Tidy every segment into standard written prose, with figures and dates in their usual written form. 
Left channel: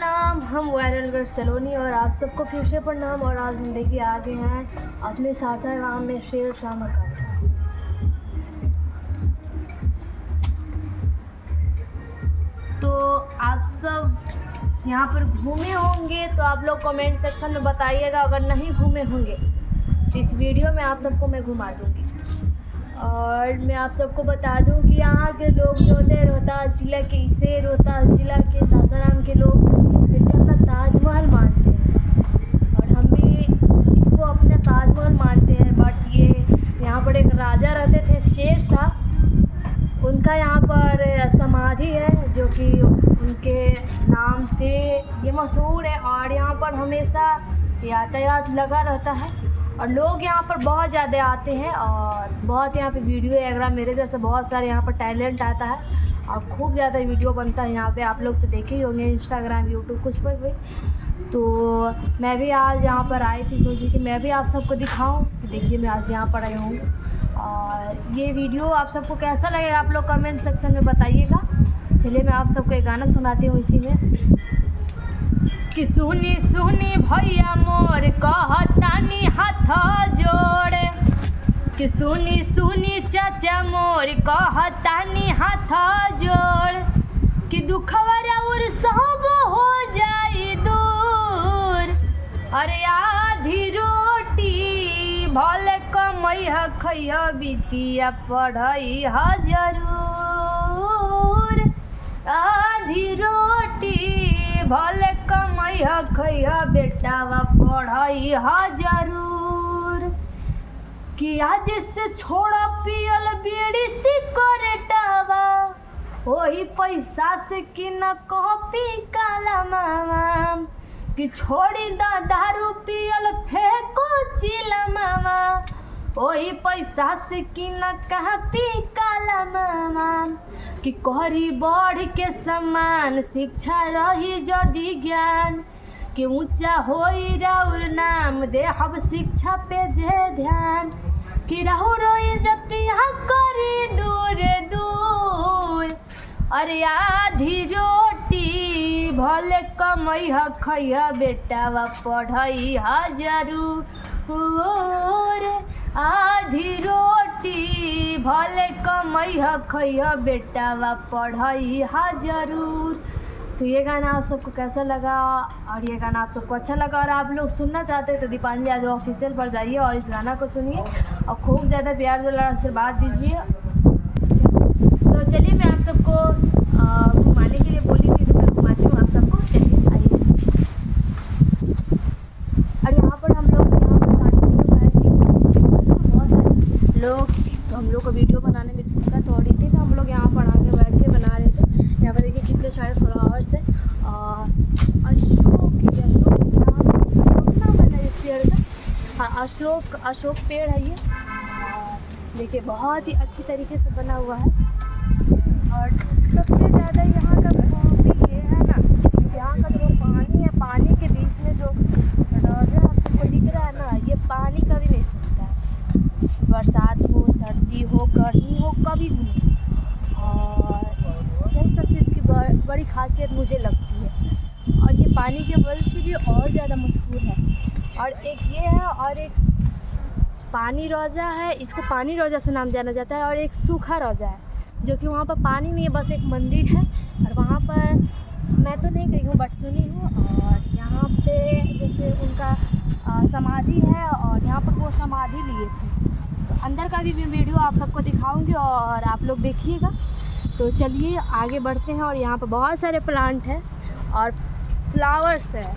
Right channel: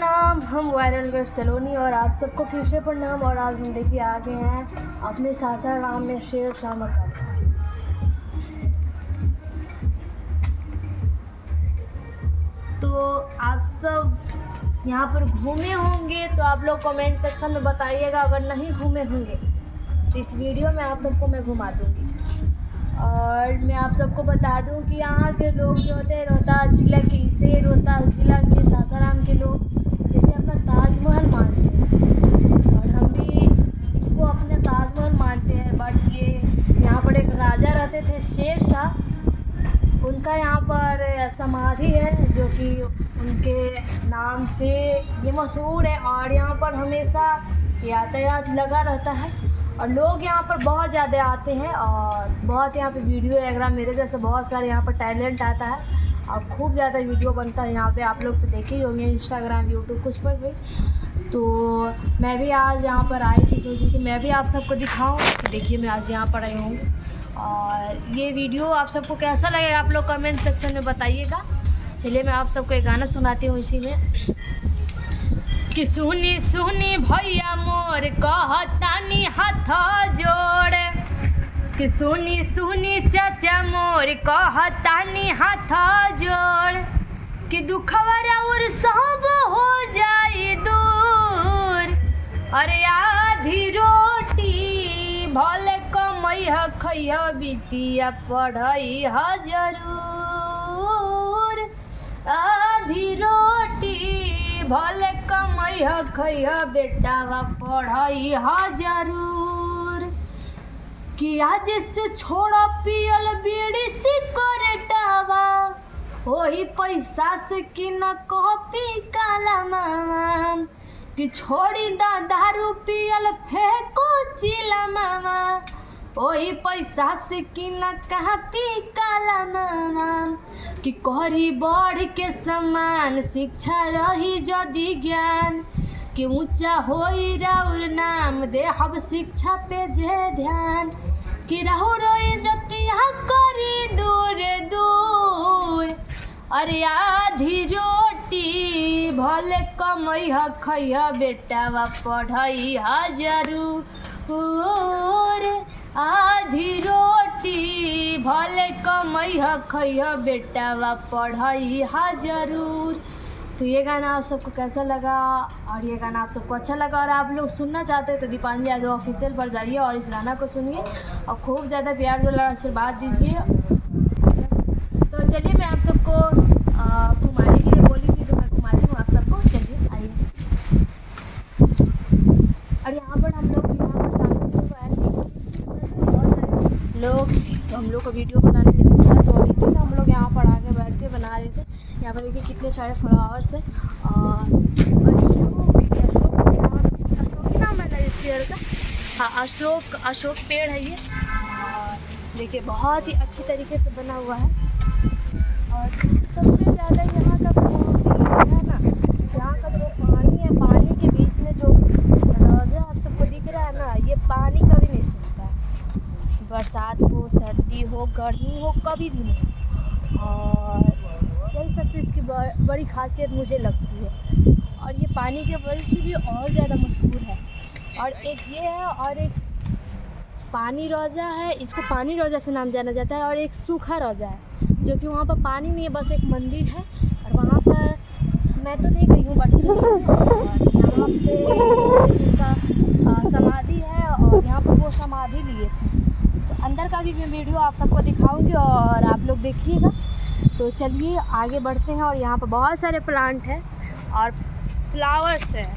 प्रणाम, हम वायरल सलोनी और आप सबको फिर से प्रणाम। और आज हम देखिए आ गए हैं अपने सासाराम में शेर शाह मकान। तो आप सब यहाँ पर घूमे होंगे तो आप लोग कमेंट सेक्शन में बताइएगा। अगर नहीं घूमे होंगे तो इस वीडियो में आप सबको मैं घुमा दूँगी। और मैं आप सबको बता दूं कि यहाँ के लोग जो होते हैं रोहतास ज़िला के, इसे रोहतास ज़िला के सासाराम के लोग जैसे अपना ताजमहल मानते हैं और हम भी इसको अपना ताजमहल मानते हैं। बट ये यहाँ पर एक राजा रहते थे शेर शाह, उनका यहाँ पर समाधि है जो कि उनके नाम से ये मशहूर है। और यहाँ पर हमेशा यातायात लगा रहता है और लोग यहाँ पर बहुत ज़्यादा आते हैं और बहुत यहाँ पे वीडियोग्राफर मेरे जैसे बहुत सारे यहाँ पर टैलेंट आता है और खूब ज़्यादा वीडियो बनता है यहाँ पे। आप लोग तो देखे ही होंगे इंस्टाग्राम, यूट्यूब कुछ पर भी। तो मैं भी आज यहाँ पर आई थी, सोची कि मैं भी आप सबको दिखाऊँ। तो देखिए मैं आज यहाँ पर आई हूँ और ये वीडियो आप सबको कैसा लगेगा आप लोग कमेंट सेक्शन में बताइएगा। चलिए मैं आप सबको एक गाना सुनाती हूँ इसी में कि सुनी सुनी भैया मोर कहतानी हाथ जोड़े, कि सुनी सुनी चाचा मोर कहतानी हाथ जोड़, कि दुखवा और सब हो जाई दूर। अरे आधी रोटी भले कमैह खैह बिटिया पढ़ैह जरूर। आधी रोटी भले कमैह खैह बेटावा पढ़ैह जरूर। कि आज से छोड़ पियल बीड़ी सिगरेटवा, वही पैसा से कि न कॉपी काला मामा। कि छोड़ी दारू पियल फेंको चिला मामा, वही पैसा से कि न कॉपी काला मामा। कि करी बढ़ के समान शिक्षा रही जदि ज्ञान, कि ऊंचा होई राउर नाम दे हब शिक्षा पे जे ध्यान। कि रहु रोई जतिया करी दूर दूर। अरे आधी रोटी भले कमैह खैह बेटावा पढ़ैह जरूर। आधी रोटी भले कमैह खैह बेटावा पढ़ैह जरूर। तो ये गाना आप सबको कैसा लगा और ये गाना आप सबको अच्छा लगा और आप लोग सुनना चाहते हैं तो दीपांजलि यादव ऑफिशियल पर जाइए और इस गाना को सुनिए और खूब ज़्यादा प्यार दुलार आशीर्वाद दीजिए। तो चलिए मैं आप सबको घुमाने के लिए बोली थी तो मैं घुमाती हूँ आप सबको। चलिए आइए। और यहाँ पर हम लोग बहुत सारे लोग तो हम लोग को वीडियो बनाने में दिक्कत हो रही थी तो हम लोग यहाँ पर आके बैठ के बना रहे थे। यहाँ पर देखिए कितने सारे फ्लावर्स है और अशोक नाम है ना इस पेड़ का, हाँ अशोक पेड़ है ये। और देखिए बहुत ही अच्छी तरीके से बना हुआ है। और सबसे ज़्यादा यहाँ का खूबी है ना, यहाँ का जो पानी है, पानी के बीच में जो रोजा आप सबको दिख रहा है ना, ये पानी कभी नहीं सूखता है। बरसात हो, सर्दी हो, गर्मी हो, कभी भी नहीं। और यही सबसे इसकी बड़ी खासियत मुझे लगती है। और ये पानी के वजह से भी और ज़्यादा मशहूर है। और एक ये है और एक पानी रोजा है, इसको पानी रोजा से नाम जाना जाता है। और एक सूखा रोजा है जो कि वहाँ पर पानी नहीं है, बस एक मंदिर है और वहाँ पर मैं तो नहीं गई हूँ बट सुनी हूँ। और यहाँ पे उनका समाधि है और यहाँ पर वो समाधि लिए थे। तो अंदर का भी मैं वीडियो आप सबको दिखाऊंगी और आप लोग देखिएगा। तो चलिए आगे बढ़ते हैं। और यहाँ पर बहुत सारे प्लांट हैं और फ्लावर्स हैं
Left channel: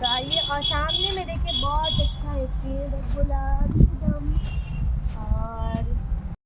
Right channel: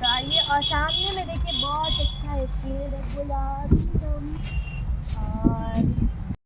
तो आइए। और सामने में देखिए बहुत अच्छा है पेड़, गुलाबी और